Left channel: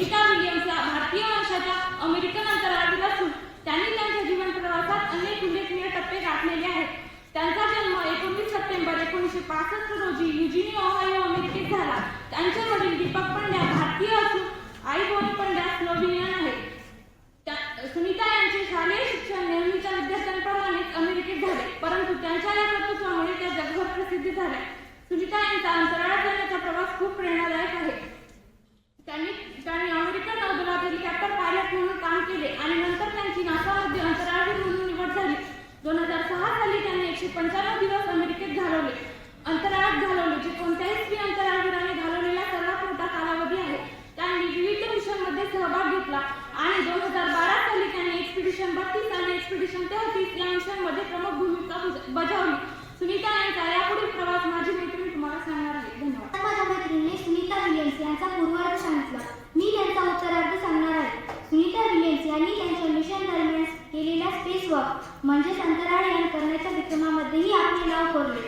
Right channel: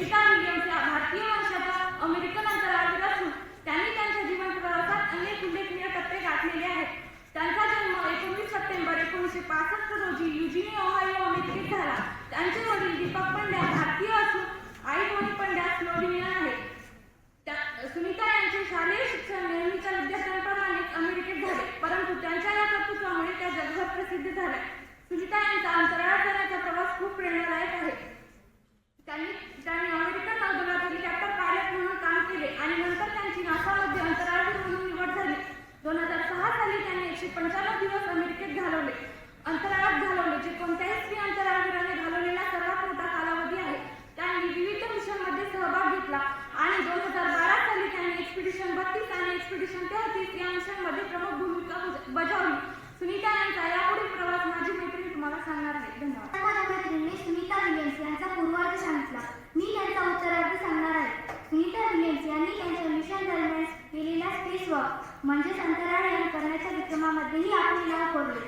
Smita Williams भारतीय वंशाच्या American अंतराळवीर असून त्यांनी त्यांच्या जीवन प्रवासात अनेक उल्लेखनीय टप्पे गाठलेले आहेत. त्यांचा जन्म एकोणीस सप्टेंबर एकोणीसशे पासष्ट रोजी युजिनी ओहायो अमेरिकेत झाला. त्यांचे वडील दीपक पंड्या भारतीय असून आई बोनी पंड्या स्लोव्हिनियन आहेत. सुनीता यांचे शालेय शिक्षण नेहमीच्या विद्यार्थ्यांप्रमाणेच अमेरिकेत झाले परंतु त्यांच्या या कर्तृत्वामुळे त्या जगभर प्रसिद्ध झाल्या. सुनीता यांचा अंतराळात जाण्याचा प्रवास खूप प्रेरणादायक आहे. त्यांनी त्यांनी अमेरिकन नौदलात हेलिकॉप्टर पायलट म्हणून काम केले आणि नंतर त्यांची नासामध्ये अंतराळवीर म्हणून निवड झाली. दोन हजार सहा साली त्यांनी एकशे पंच्याण्णव दिवस अमेरिकेत घालवले. अंतराळात घालवले जे कोणत्याही स्त्री अंतराळवीराने घालवलेला सर्वात मोठा कालावधी आहे. त्यांनी विविध मिशनमध्ये सहभाग घेतला आणि दोन हजार बारा साली त्यांनी एक्सपिडिशन बत्तीस आणि एक्सपिडिशन तेहतीस या मिशनमध्ये प्रमुख भूमिका बजावली. सुनीता यांचा यापुढील प्रवास माझी मैत्रीण तुम्हाला सांगणार आहे. धन्यवाद. यांचा पूर्वार्ध सांगितला. मी त्यांचा उत्तरार्ध सांगणार आहे. सुनीता विलियम्स यांनी त्यांच्या मिशन दरम्यान केलेल्या स्पेस वॉक म्हणजेच अंतराळयान करण्याच्या विक्रमामध्येही आपले नाव कोरले.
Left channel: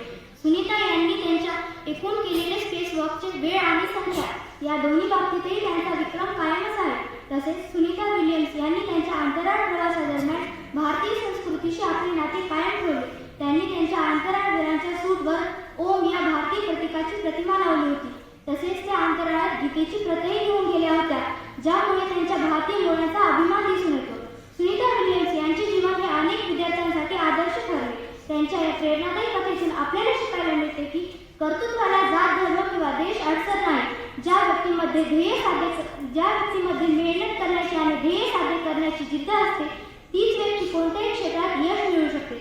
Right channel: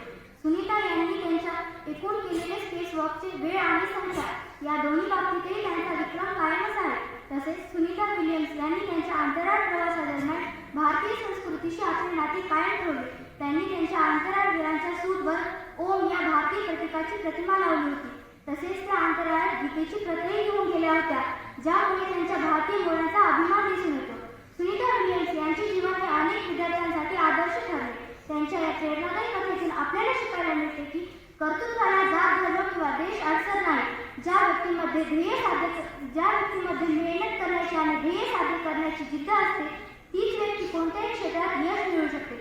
सुनीता यांनी त्यांच्या एकूण केलेले स्पेस वॉकचे वेळ आणि संख्या या दोन्ही बाबतीतही त्यांचा विक्रम कायमच आहे. तसेच सुनीता विलियम्स यांनी त्यांच्या अंतराळ प्रवासादरम्यान भारतीय संस्कृतीशी आपले नाते कायम ठेवले. त्यांनी त्यांच्या अंतराळवीरांच्या सूटवर ओम या भारतीय प्रतीकाची प्रतिमा लावली होती. गीतेची प्रतही घेऊन गेल्या होत्या ज्यामुळे त्यांच्या भारतीय मुलांचा अभिमान दिसून येतो. सुनीता विलियम्स यांचे जीवन हे अनेक विद्यार्थ्यांसाठी आदर्श ठरले. त्यांच्या या प्रेरणादायी कथेतून आपल्याला शिकायला मिळते की कर्तृत्वाला जात धर्म किंवा देश अडचण नाही. ज्या व्यक्तीमध्ये ध्येय साध्य ज्या व्यक्तीमध्ये मेहनत करण्याची आणि ध्येय साध्य करण्याची जिद्द असते तीच व्यक्ती कोणत्याही क्षेत्रात यश मिळू शकते.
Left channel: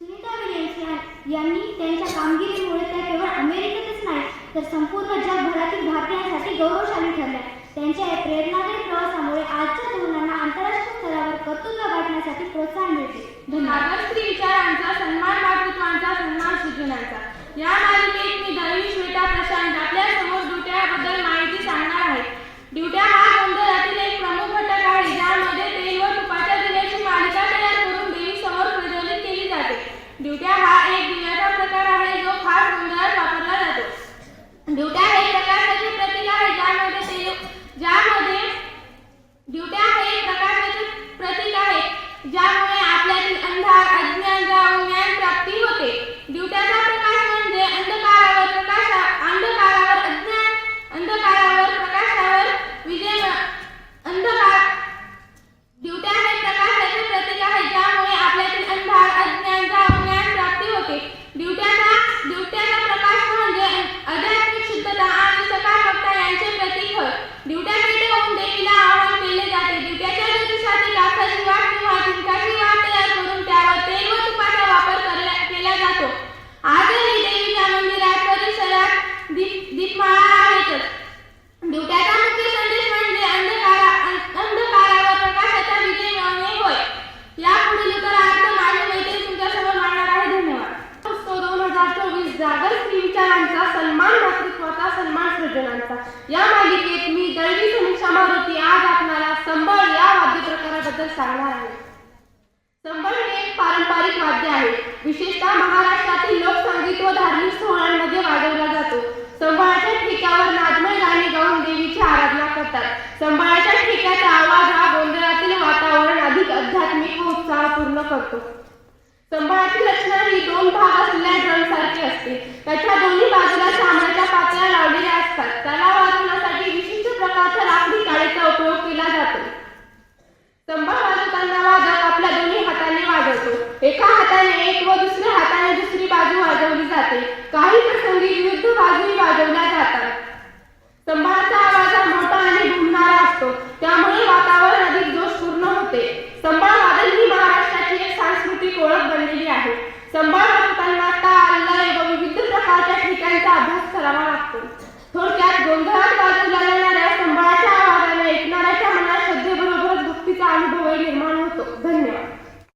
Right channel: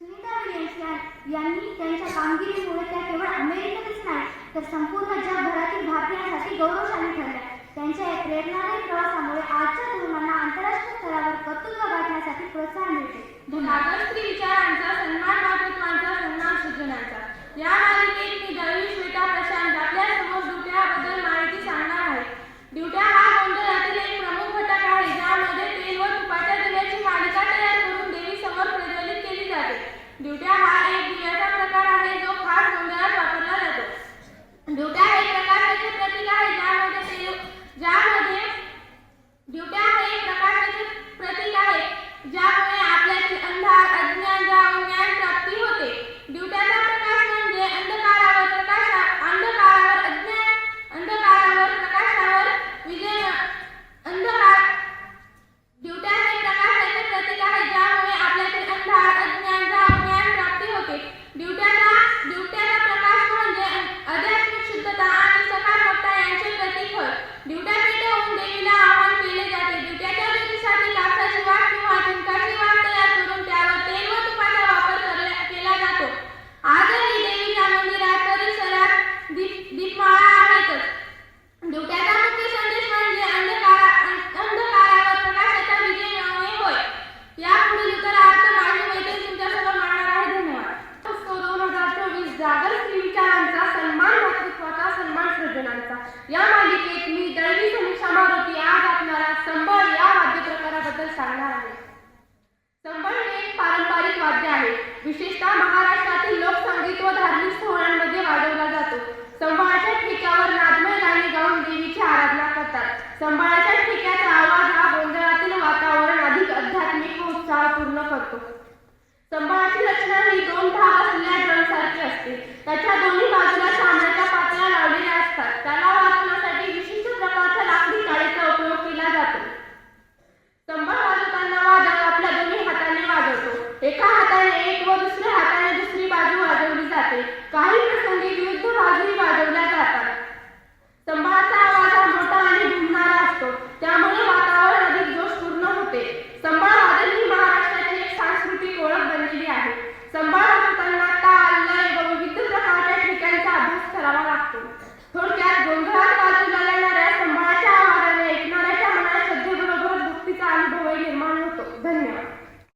सुनीता विलियम्स यांनी त्यांच्या कामगिरीमुळे त्या केवळ अमेरिकेतच नाही तर संपूर्ण जगभरातील भारतीयांसाठी गौरवशाली ठरल्या. त्यांच्या या प्रेरणादायी प्रवासामुळे आजच्या तरुणांना आंतरराष्ट्रीय स्तरावर कर्तृत्व गाठण्यासाठी प्रोत्साहन मिळते. धन्यवाद. स्त्री विचारांचा सन्मान मातृत्वांचा सन्मान सृजनांचा या मालिकेत मी दळवी श्वेता प्रशांत आपल्यासमोर ड्युट्याबद्दल माहिती सांगणार आहे. ड्युट्या हा गोंधळातील एक प्रमुख घटक आहे ज्यामध्ये तेल व तुपाच्या दिव्याची मालिका तयार करून देवी समोर प्रज्वलित केली जाते. ड्युट्या हा एक दिव्याचा प्रकार आहे जो खास गोंधळात वापरला जातो ड्युट्या हे प्रकाशाचे जागर स्त्री विचारांचा सन्मान मातृत्वाचा सन्मान सृजनांचा. या मालिकेत मी दळवी समीक्षा मारुती आज आपणाला संबळ या वाद्य प्रकाराबद्दल सांगणार आहे. संबळ हे एक पारंपरिक वाद्य आहे. विशेषतः महाराष्ट्रातील लोकसंगीत व धार्मिक सोहळ्यांमध्ये वाजवला जातो. संबळाच्या ठेक्यावर नादमय गाणी गाऊन देवीची आराधना करतात. संबळाच्या ठेक्याचा आवाज हा गोंधळातील वातावरण अधिक आध्यात्मिक व उत्साहपूर्ण करतो. स्तंभाची रचना ही दोन भाग असलेल्या ड्रमसारखी असते. त्याच्या दोन्ही बाजूला सामन्याच्या पातळ्या लावलेल्या असतात. त्याला वाजवण्यासाठी विशिष्ट प्रकारच्या लाकडी काळीचा उपयोग केला जातो. संबळ वाजवताना वादक आपल्या दोन्ही हाताने वाजवतो. एका हाताने एक व दुसऱ्या हाताने दुसरी बाजू वाजवली जाते. काही प्रसंगी विरुद्ध बाजूही वाजवल्या जातात. स्तंभाचा आवाज हा मोठा आणि घुमणारा असतो. त्यामुळे वातावरण अधिक जोशपूर्ण होते. संबळ वादन ही महाराष्ट्राची एक सांस्कृतिक ओळख बनलेली आहे. संबळ वाजवताना ताल लय व विविध प्रकारच्या ठिकाणचा अभ्यास करावा लागतो.